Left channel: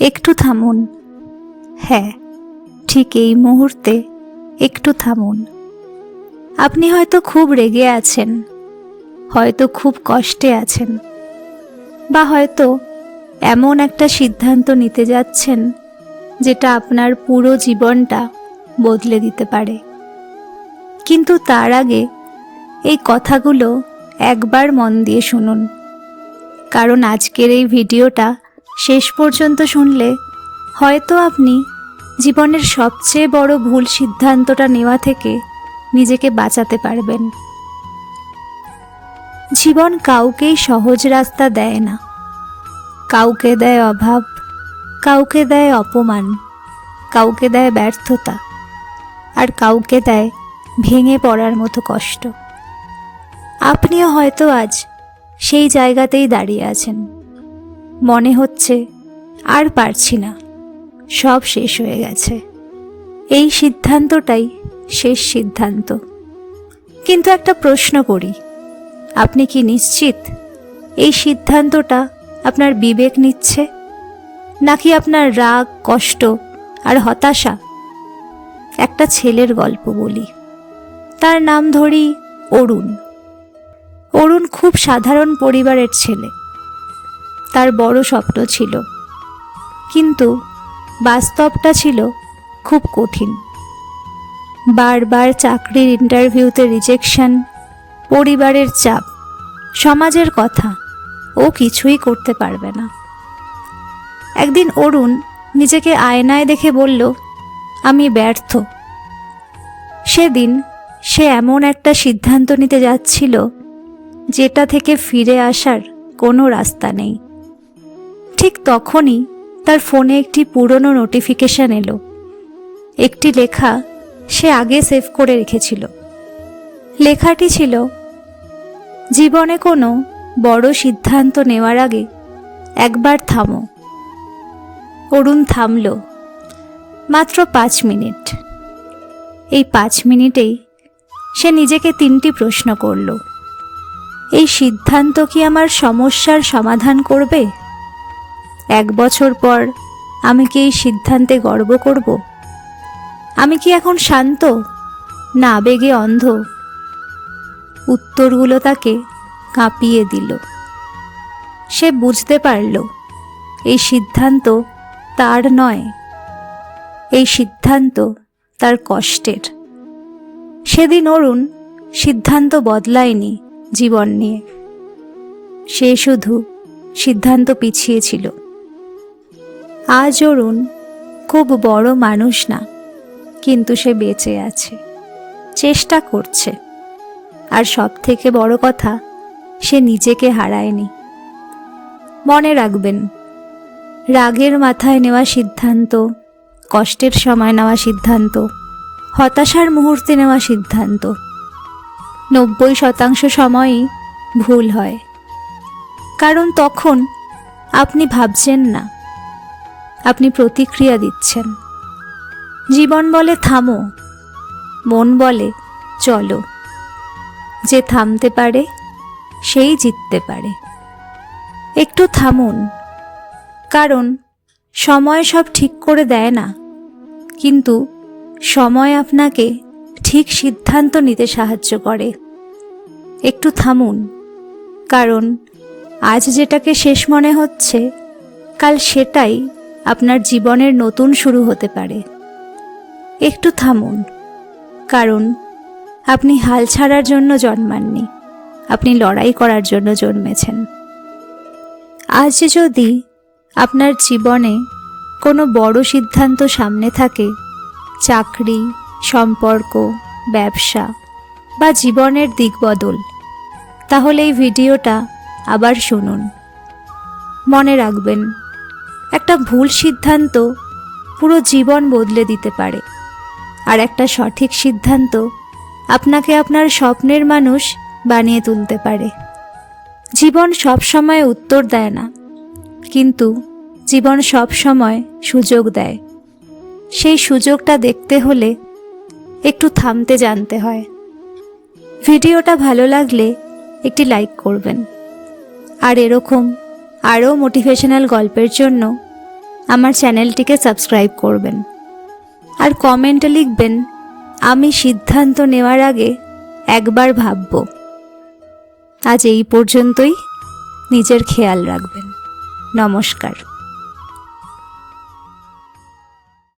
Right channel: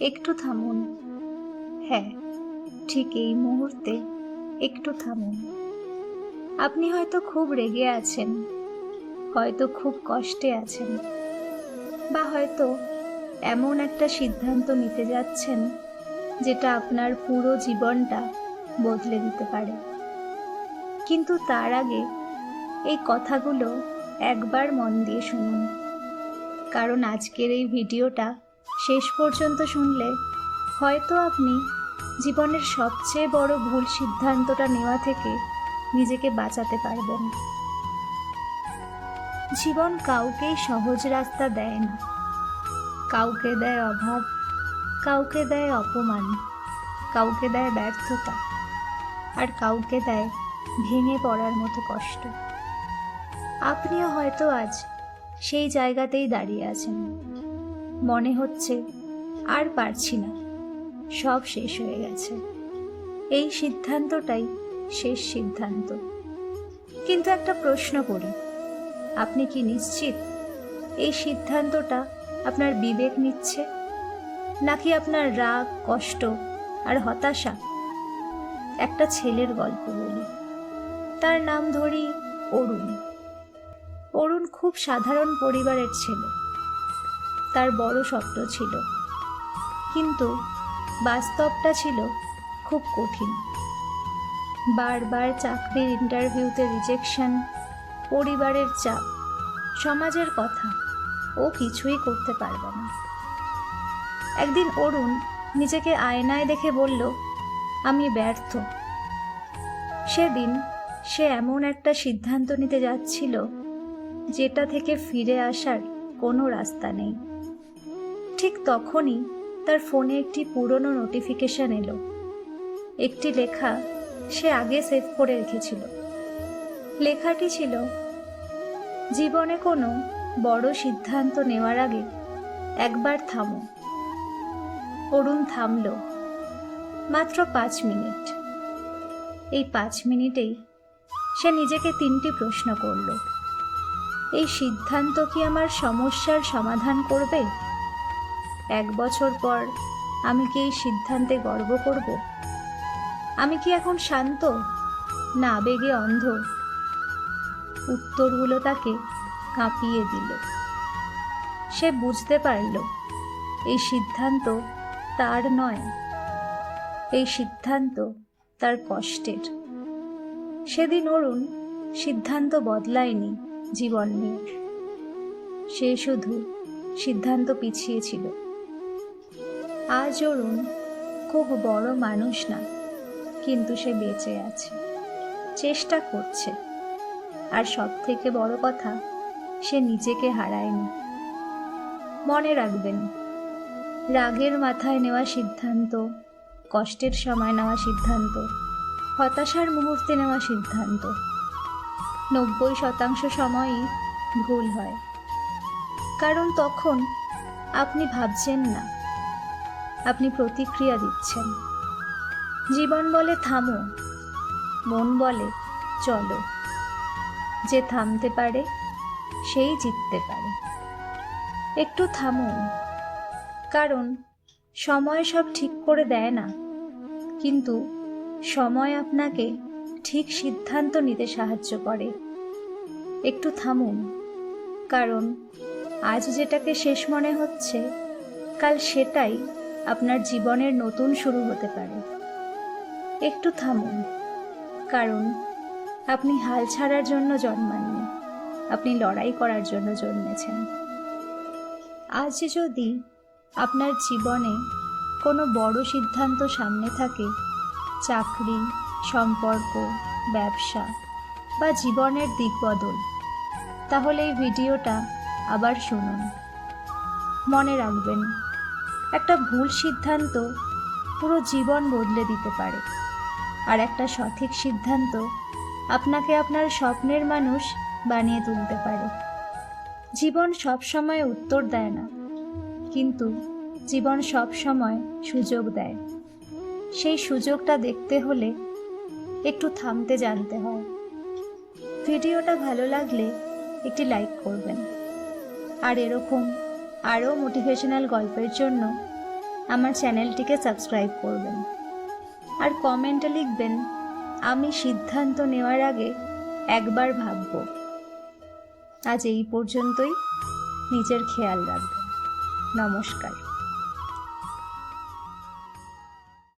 একটু থামুন। হ্যাঁ, ঠিক এই মুহূর্তে একটু থামুন। আপনি হয়তো খুব রেগে আছেন, হয়তো খুব কষ্টে আছেন, বা হয়তো এমন একটা সিদ্ধান্ত নিতে যাচ্ছেন যেটা আপনার পুরো জীবনটা বদলে দিতে পারে। কিন্তু তার আগে এই কথাগুলো একবার মন দিয়ে শুনুন, কারণ আজকের এই ভিডিওটা শেষ পর্যন্ত শুনলে হয়তো আপনি জীবনের সবচেয়ে বড় ভুল সিদ্ধান্তটা নেওয়া থেকে নিজেকে বাঁচাতে পারবেন। জীবন কাউকেই সহজ রাস্তা দেয় না। কাউকে দেয় অভাব, কাউকে দেয় অপমান, কাউকে দেয় ব্যর্থতা, আর কাউকে দেয় ভেঙে পড়ার মতো কষ্ট। আপনিও হয়তো আজ সেই জায়গাতেই দাঁড়িয়ে আছেন। মনে হচ্ছে আর পারছি না, সব শেষ হয়ে গেছে। এই সিদ্ধান্তটাই শেষ সিদ্ধান্ত। কিন্তু একটা প্রশ্ন করি, আপনি কি নিশ্চিত এই সিদ্ধান্তটা আপনার বিবেক নিচ্ছে, নাকি আপনার রাগ, কষ্ট আর হতাশা? একটা ছেলের গল্প বলি। তার নাম ধরি অরুণ। অরুণ খুব সাধারণ পরিবারের ছেলে। তার বড় স্বপ্ন ছিল, কিন্তু বাস্তবটা ছিল খুব কঠিন। বারবার চাকরির ইন্টারভিউতে রিজেকশন, পরিবারের চাপ, সমাজের কথা, ও কিছুই করতে পারবে না। একদিন অরুণ নিজেকে আয়নায় দেখে বলল, আমি ব্যর্থ। সেদিন সে এমন একটা সিদ্ধান্ত নিতে যাচ্ছিল যেটা থেকে ফিরে আসার কোনো রাস্তা নেই। ঠিক তখনই তার ফোনে একটি পুরনো নোটিফিকেশন এলো। একটি লেখা সে আগে সেভ করে রেখেছিল। লেখাটি ছিল, জীবনে কোনো বড় সিদ্ধান্ত নেওয়ার আগে একবার থামো। অরুণ থামল, মাত্র 5 মিনিট। এই 5 মিনিটেই সে নিজেকে 3টি প্রশ্ন করল। এই সিদ্ধান্ত কি আমার সমস্যার সমাধান করবে? 1 বছর পর আমি কি এই সিদ্ধান্তে গর্ব করব? আমি কি এখন শান্ত, না আবেগে অন্ধ? উত্তরগুলো তাকে কাঁপিয়ে দিল। সে বুঝতে পারল এই সিদ্ধান্ত তার নয়, এই সিদ্ধান্ত তার কষ্টের। সেদিন অরুণ সিদ্ধান্ত বদলায়নি জীবন নিয়ে, সে শুধু সিদ্ধান্ত পিছিয়েছিল। আজ অরুণ খুব বড় মানুষ না, কিন্তু সে বেঁচে আছে, চেষ্টা করছে, আর সব থেকে বড় কথা, সে নিজেকে হারায়নি। মনে রাখবেন, রাগের মাথায় নেওয়া সিদ্ধান্ত, কষ্টের সময় নেওয়া সিদ্ধান্ত, হতাশার মুহূর্তে নেওয়া সিদ্ধান্ত 90% সময়ই ভুল হয়। কারণ তখন আপনি ভাবছেন না, আপনি প্রতিক্রিয়া দিচ্ছেন। জীবন বলে থামো, মন বলে চলো। যে থামতে পারে সেই জিততে পারে। একটু থামুন, কারণ সময় সব ঠিক করে দেয় না, কিন্তু সময় আপনাকে ঠিক সিদ্ধান্ত নিতে সাহায্য করে। একটু থামুন, কারণ আজ যেটাকে শেষ মনে হচ্ছে, কাল সেটাই আপনার জীবনের নতুন শুরু হতে পারে। একটু থামুন, কারণ আপনি হাল ছাড়ার জন্য জন্মাননি, আপনি লড়াই করার জন্য জন্মেছেন। আজ যদি আপনার জীবনে কোনো বড় সিদ্ধান্ত সামনে থাকে, চাকরি, সম্পর্ক, ব্যবসা বা জীবনের দিক বদল, তাহলে এই ভিডিওটা আবার শুনুন। মনে রাখবেন, একটা ভুল সিদ্ধান্ত পুরো জীবন বদলে দিতে পারে, আর একটা সঠিক সিদ্ধান্ত আপনাকে আপনার স্বপ্নের মানুষ বানিয়ে তুলতে পারে। জীবন সব সময় উত্তর দেয় না, কিন্তু জীবন সব সময় সুযোগ দেয়। সেই সুযোগটা দেখতে হলে একটু থামতে জানতে হয়। ভিডিওটা ভালো লাগলে একটি লাইক করবেন, আর এরকম আরও মোটিভেশনাল গল্পের জন্য আমার চ্যানেলটিকে সাবস্ক্রাইব করবেন আর কমেন্টে লিখবেন, আমি সিদ্ধান্ত নেওয়ার আগে একবার ভাবব। আজ এই পর্যন্তই। নিজের খেয়াল রাখবেন। নমস্কার।